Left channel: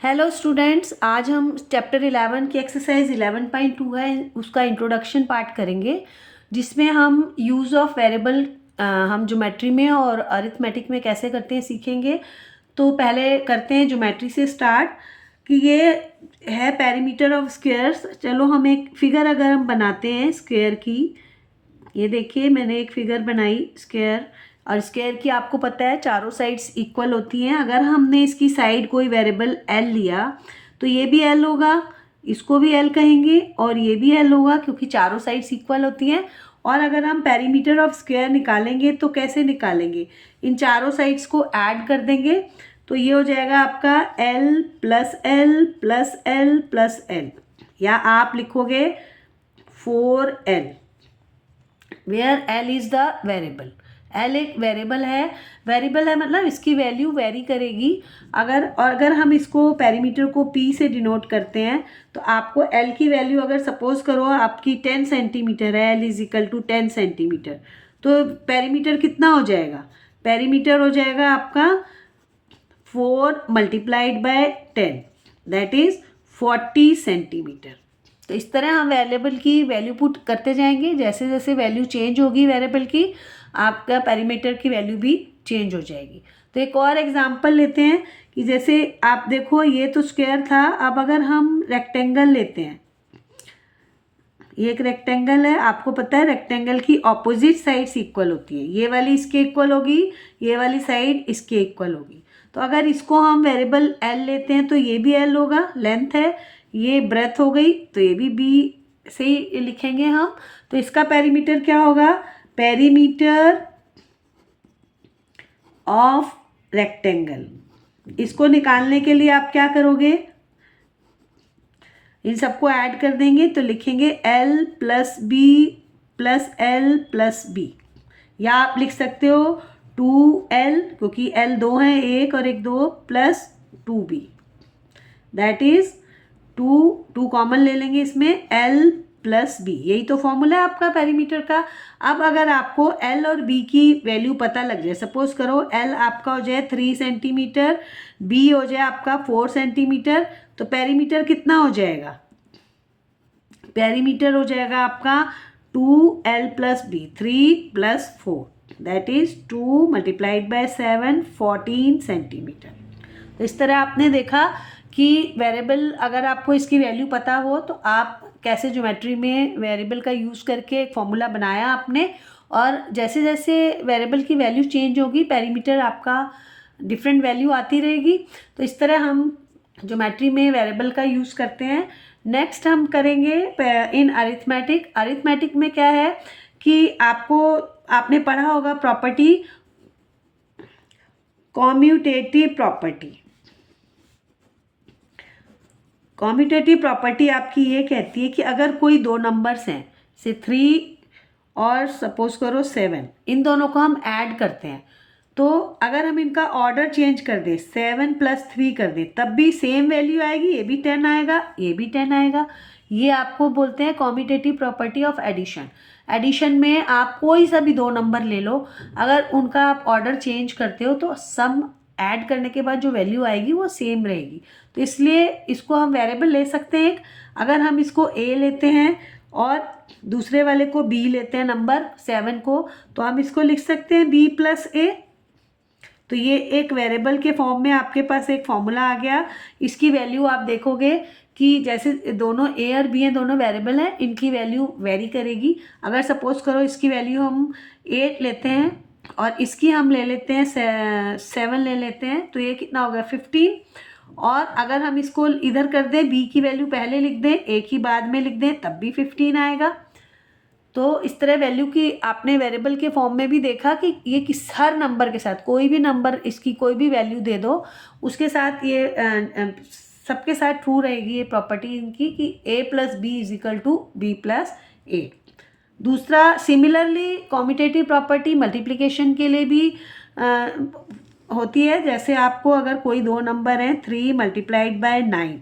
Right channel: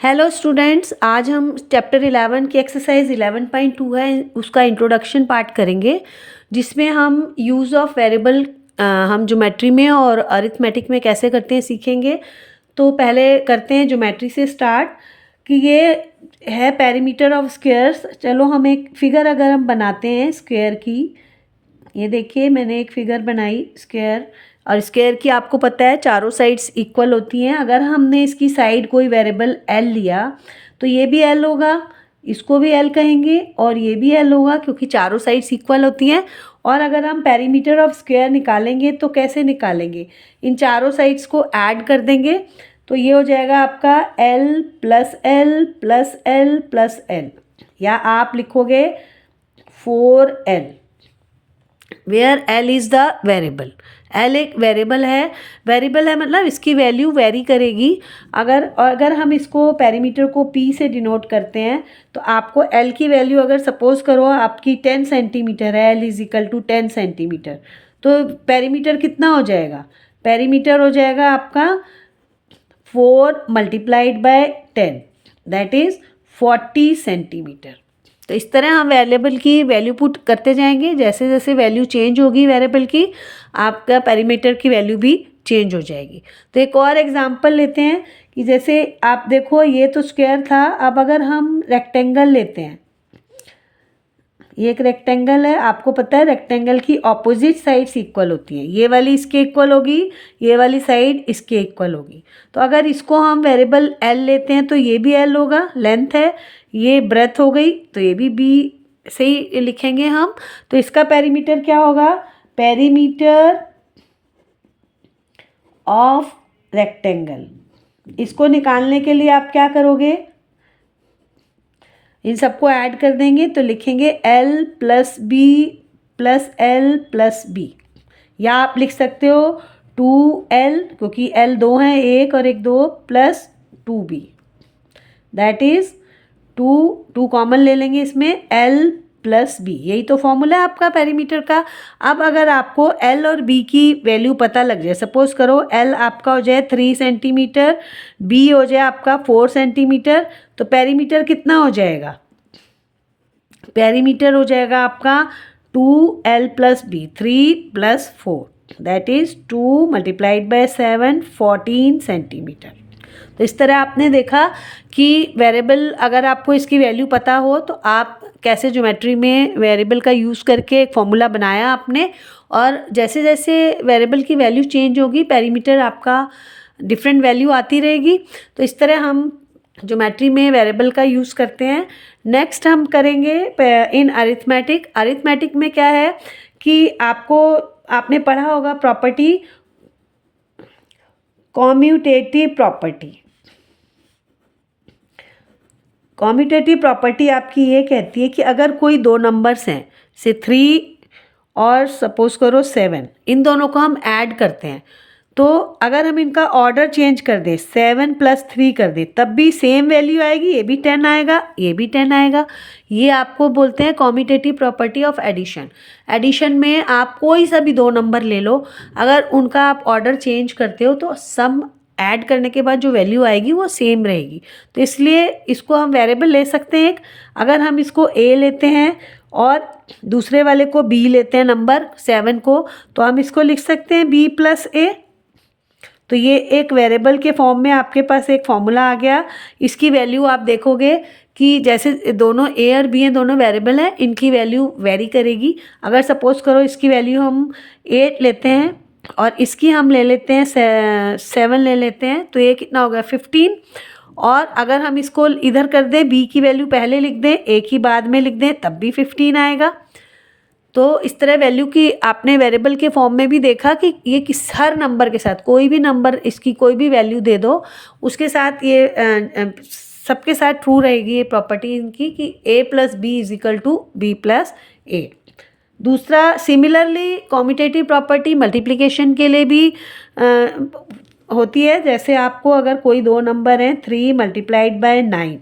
Hello students, आज हम chapter 11 की एक्सरसाइज 11.2 है उसका इंट्रोडक्शन पार्ट करेंगे, जिसमें हम यूज़ ऑफ वेरिएबल हम ज्योमेट्री में और अरिथमेटिक में कैसे करते हैं सीखेंगे। तो पहले करते हैं ज्योमेट्री से स्टार्ट कि ये है पेरीमीटर ऑफ स्क्वायर्स। चलो हम एक फिगर अगर हम बनाते हैं स्क्वायर की, ये देखिए मैंने एक फिगर बनाई स्क्वायर। और स्क्वायर की आपको पता है चारों साइड्स इक्वल होती हैं। अगर हमने इसकी साइड कोई वेरिएबल एल लिया तो ये भी एल होगा, इसको भी एल कहेंगे और ये भी एल होगा, क्योंकि चारों साइड्स इक्वल होती हैं। और अगर हम पेरीमीटर ऑफ स्क्वायर निकालेंगे तो कैसे निकालेंगे, इन चारों साइड्स को ऐड कर देंगे। तो ये हो जाएगा आपका L plus L plus L plus L, या आप लिखोगे 4L, where L is the variable. L एक वेरिएबल है मतलब इसकी वैल्यू वेरी करेगी। अगर हम इसको पेरीमीटर को पी से डिनोट करते हैं तो आपको एल की वैल्यू, अगर सपोज करो आपकी 10 सेंटीमीटर है, L is equal to 10 centimetre, तो पेरीमीटर कितना हो जाएगा? पेरीमीटर हो जाएगा आपका 4 multiplied by 10, that is 40 centimetre. तो इस तरह हम वेरिएबल की वैल्यू पुट करते जाएंगे। जैसे जैसे वैल्यू चेंज होगी वेरिएबल की, आपका पेरीमीटर की वैल्यू भी चेंज हो जाएगी। तो एक और एग्जांपल लेते हैं कि जैसे आप देखो ये तो स्क्वायर था, अब अगर हम रेक्टेंगल लेते हैं, ये एक रेक्टेंगल है, आपको पता है रेक्टेंगल की ऑपोजिट साइड्स इक्वल होती हैं। ये वाली इसके इक्वल होगी, ये वाली साइड इसके इक्वल होगी। तो अगर इसको हम वेरिएबल एल लेते हैं तो ये भी एल होगा, लेंथ है, ये ब्रेथ हो गई, तो ये भी बी से ही लिखेंगे हम। तो इसका पेरीमीटर क्या होगा? Perimeter of rectangle. इसको निकालने के लिए आप क्या करोगे? इन सबको ऐड कर देंगे तो लिखेंगे L plus B plus L plus B, या आप लिख सकते हो 2L, क्योंकि एल दो हैं, एक और एक दो, plus 2B, that is 2 common ले लेंगे इसमें, L प्लस बी। यही तो फॉर्मूला है आपका पेरीमीटर का। अब अगर आपको L और B की वैल्यू पता लग जाए, सपोज करो L आपका हो जाए 3 सेंटीमीटर, B हो जाए आपका 4 सेंटीमीटर, तो पेरीमीटर कितना हो जाएगा? पेरीमीटर हो जाएगा आपका 2L plus B, 3 plus 4, that is 2 multiplied by 7, 14 centimetre. तो इस तरह आपने देखा कि वेरिएबल, अगर आपको इसकी वैल्यू पता हो तो आप कैसे ज्योमेट्री में वेरिएबल का यूज़ करके एक फॉर्मूला बनाया आपने, और जैसे जैसे वेरिएबल की वैल्यू चेंज होगी पेरीमीटर आपका डिफरेंट वैल्यू आती रहेगी। तो इस तरह हम ज्योमेट्री में वेरिएबल का यूज़ करते हैं। नेक्स्ट हम करेंगे इन अरिथमेटिक। अरिथमेटिक में क्या है कि आपने पढ़ा होगा property, commutative property. Commutative property आपकी ये कहती है कि अगर कोई दो नंबर्स हैं, से 3 और सपोज करो 7, इन दोनों को हम ऐड करते हैं, तो अगर हम इनका ऑर्डर चेंज कर दें, 7 प्लस 3 कर दें, तब भी सेम वैल्यू आएगी, ये भी 10 आएगा, ये भी 10 आएगा। ये आपको बोलते हैं commutative property of addition. Addition में आप कोई सा भी दो नंबर ले लो, अगर उनका आप ऑर्डर चेंज करते हो तो सम ऐड करने के बाद जो वैल्यू आएगी वो सेम रहेगी। तो इसलिए इसको हम वेरिएबल ले सकते हैं एक। अगर हम इसको ए लेते हैं और दूसरे वाले को बी लेते हैं, नंबर 7 को, तो हम इसको लिख सकते हैं बी प्लस ए। तो ये एक वेरिएबल के फॉर्म में आपके पास एक फॉर्मूला आ गया। इसकी वैल्यू आप देखोगे कि जैसे दोनों ए और बी हैं, दोनों वेरिएबल हैं, इनकी वैल्यू वेरी करेगी। अगर सपोज करो इसकी वैल्यू हम 8 लेते हैं और इसकी हम ले लेते हैं 7 ले लेते हैं, तो ये कितना होगा? 15। और अगर हम इसको इधर कर दें, बी की वैल्यू पहले लिख दें, ए की बाद में लिख दें, तब भी 15 आएगा। तो इस तरह वैल्यू की आपने वेरिएबल के फॉर्म में भी देखा कि ये किस हर नंबर के साथ, कोई भी नंबर, इसकी कोई भी वैल्यू दे दो, उसके साथ ये सबके साथ ट्रू रहेगी ये प्रॉपर्टी इनकी कि a plus B is equal to B plus A. दूसरा, सिमिलरली कॉम्यूटेटिव प्रॉपर्टी मल्टीप्लिकेशन के लिए भी होती है। जैसे आपको अगर कोई दो नंबर हैं, 3 मल्टीप्लाइड बाय 9,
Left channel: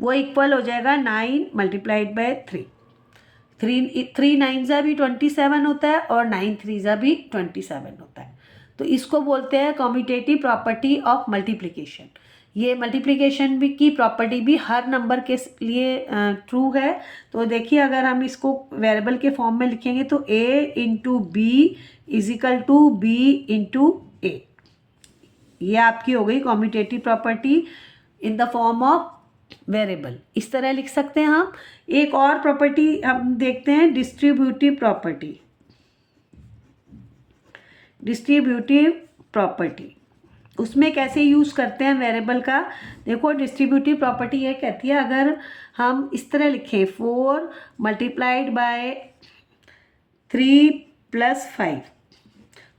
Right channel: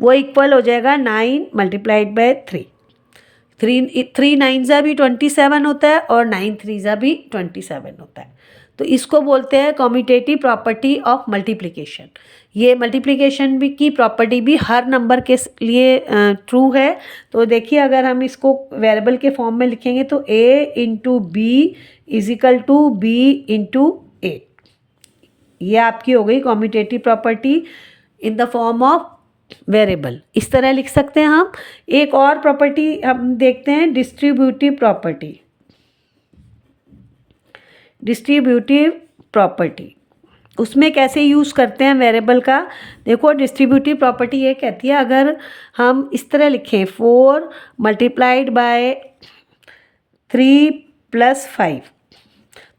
वो इक्वल हो जाएगा 9 मल्टीप्लाइड बाय 3। 3 9 भी 27 होता है और 9 3 भी 27 होता है। तो इसको बोलते हैं कम्यूटेटिव प्रॉपर्टी ऑफ मल्टीप्लिकेशन। ये मल्टीप्लिकेशन भी की प्रॉपर्टी भी हर नंबर के लिए ट्रू है। तो देखिए अगर हम इसको वेरिएबल के फॉर्म में लिखेंगे तो a into B is equal to B into A. ये आपकी हो गई commutative property in the form of variable. इस तरह लिख सकते हैं हम। एक और प्रॉपर्टी हम देखते हैं डिस्ट्रीब्यूटिव प्रॉपर्टी। डिस्ट्रीब्यूटिव प्रॉपर्टी उसमें कैसे यूज़ करते हैं वेरिएबल का। देखो डिस्ट्रीब्यूटिव प्रॉपर्टी ये कहती है अगर हम इस तरह लिखें 4 मल्टीप्लाइड बाय 3 प्लस 5,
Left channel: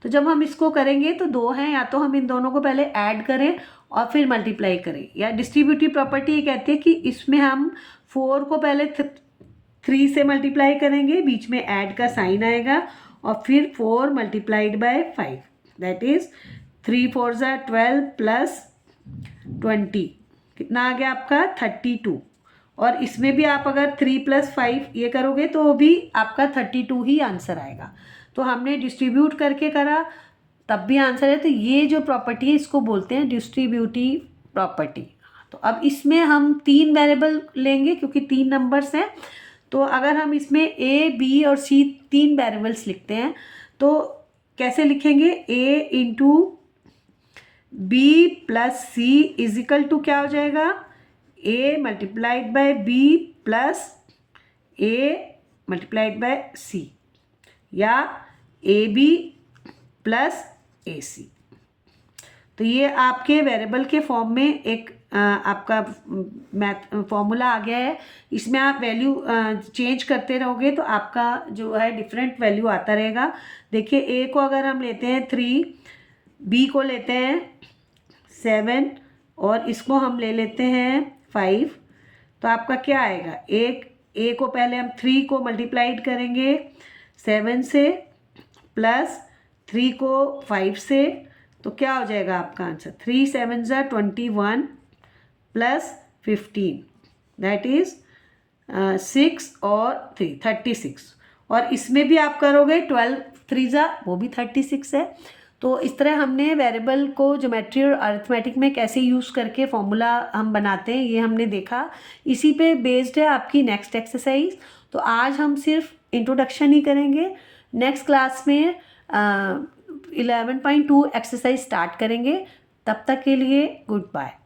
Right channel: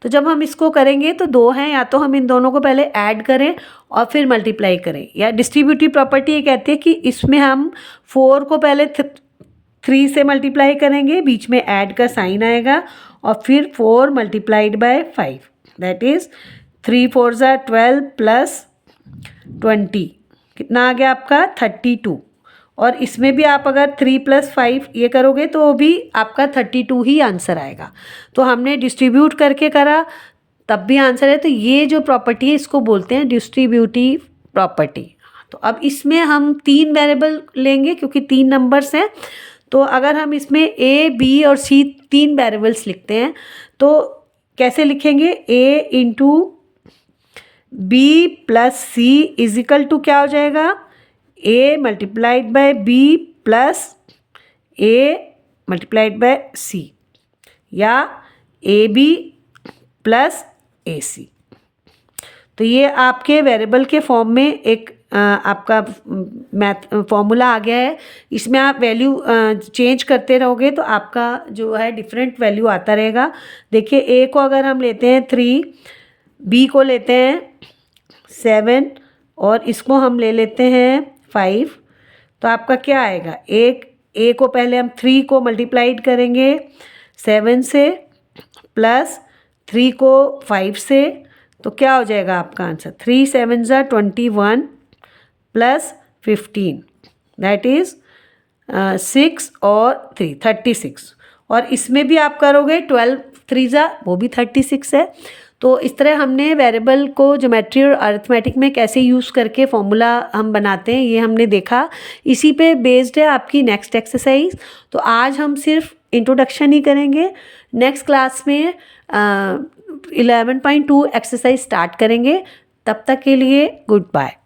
तो जब हम इसको करेंगे तो 2 हैं, या तो हम इन दोनों को पहले ऐड करें और फिर मल्टीप्लाई करें। या डिस्ट्रीब्यूटिव प्रॉपर्टी ये कहती है कि इसमें हम 4 को पहले 3 से मल्टीप्लाई करेंगे, बीच में ऐड का साइन आएगा, और फिर 4 मल्टीप्लाइड बाय 5 दैट इज़ 3 4 ज़ा 12 प्लस 20 कितना आ गया आपका 32। और इसमें भी आप अगर 3 प्लस 5 ये करोगे तो भी आपका 32 ही आंसर आएगा। तो हमने डिस्ट्रीब्यूट करके करा तब भी आंसर है। तो ये जो प्रॉपर्टी है इसको बोलते हैं डिस्ट्रीब्यूटिव प्रॉपर्टी। तो अब इसमें हम 3 वेरिएबल लेंगे क्योंकि 3 नंबर्स हैं। तो अगर हम इसमें ए बी और सी 3 वेरिएबल्स लिखते हैं तो कैसे लिखेंगे, a into B plus C is equal to क्या हो जाएगा, a multiplied by b plus a multiplied by c, या ए बी प्लस ए सी। तो ये आपके वेरिएबल के फॉर्म में एक आपका मैथ फॉर्मूला आ गया है। इसमें आप वैल्यू चेंज करते रहोगे तो आपका जो है डिफरेंट वैल्यू आता रहेगा। देखिए ए को अगर हम लेते हैं 3, बी को लेते हैं 7 और इसको हम ले लेते हैं 5, तो आपका क्या आएगा, ए को पहले हम 3 को मल्टीप्लाइड करेंगे 7 से प्लस 3 को 5 से, तो क्या हो जाएगा आपका आंसर 3 7 ज़ा 21 प्लस 15 दैट इज़ 6 और 3 36। और इसमें भी आप करोगे 12 3 ज़ा वो भी 36 है। तो इस तरह हमने वेरिएबल को ज्योमेट्री और अरिथमेटिक में कैसे यूज़ करके फॉर्मूला हम बनाते हैं ये हमने देखा। इसी पे बेस्ड है आपकी नेक्स्ट एक्सरसाइज। तो आज हम सिर्फ इंट्रोडक्शन ही करेंगे। नेक्स्ट क्लास में 11.2 एक्सरसाइज स्टार्ट करेंगे। तब तक के लिए गुड बाय।